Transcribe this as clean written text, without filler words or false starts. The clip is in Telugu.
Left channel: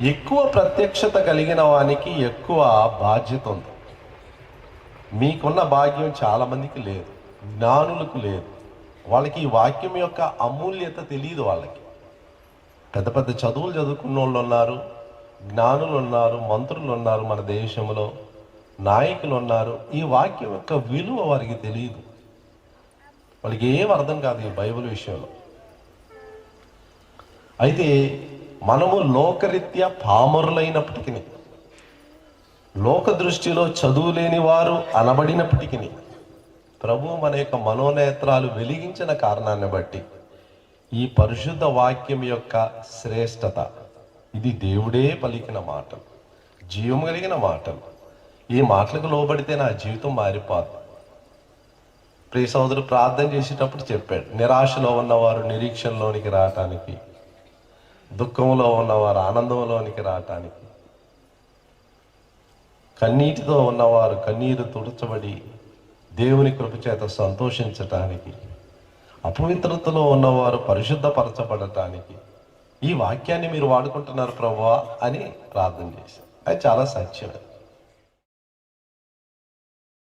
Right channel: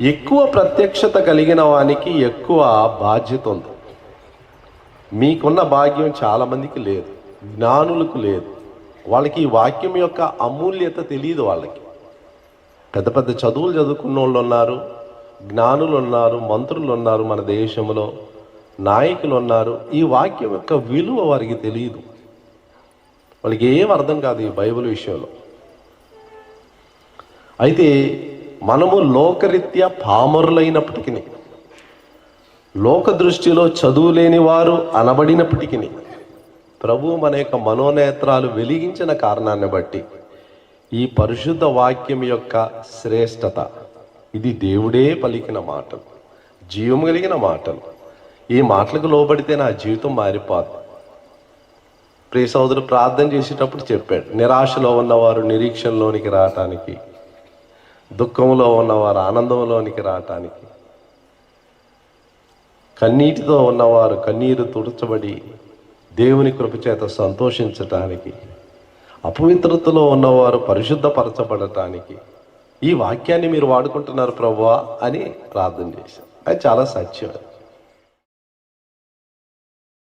ఎక్కువ ప్రత్యక్షత కలిగిన వానికి ఎక్కువ బాధ్యత ఉంది. మీకున్న భాగ్యం చాలామందికి లేదు, జ్ఞానులకు లేదు. వాళ్ళకి ఈ వాక్యం యొక్క అమూల్యత తెలియదు. వాళ్ళకి పెద్ద పెద్ద చదువులు చదువుకున్న వాళ్ళు ఉన్నారు, జ్ఞానులు ఉన్నారు, మంత్రులు ఉన్నారు, మన దేశంలో నాయకులు ఉన్నారు. ఈ వాక్యం యొక్క విలువ వారికి తెలియదు. వాళ్ళకి ఏం అర్థం కాదు ఈ బైబిల్ విషయంలో. అయితే మనము లోకరీత్యా పామరులైనప్పటికీ, లోక దృష్టిలో చదువు లేని వారు అనబడినప్పటికీ, ప్రభువు మన యొక్క మనోనేత్రాలు వెలిగించిన కారణాన్ని బట్టి ఈ పరిశుద్ధ వాక్యం యొక్క శ్రేష్టత, ఇది దేవుడే పలికిన మాటలు, జీవం కలిగిన మాటలు. ఈ మాటలకు లోబడితే నా జీవితం మారిపోదు. ప్రియ సోదరుడు ప్రార్థన చేసేటప్పుడు చెప్పాడు, నిరాశలో ఉన్నవారు నిరీక్షణలోనికి రావటానికి, దుఃఖంలో ఉన్నవారు ఆనందంలోనికి రావటానికి, కన్నీటితో ఉన్నవారు కన్నీరు తుడచబడి దేవుని కృపచేత సంతోషించటానికి, అపవిత్రతలో ఉన్నవారు పరిశుద్ధపరచబడటానికి ఈ వాక్యాన్ని మీరు వాడుకుంటున్నారు ప్రభువా అని ప్రార్థన చేశారు. అది చాలా సత్యం.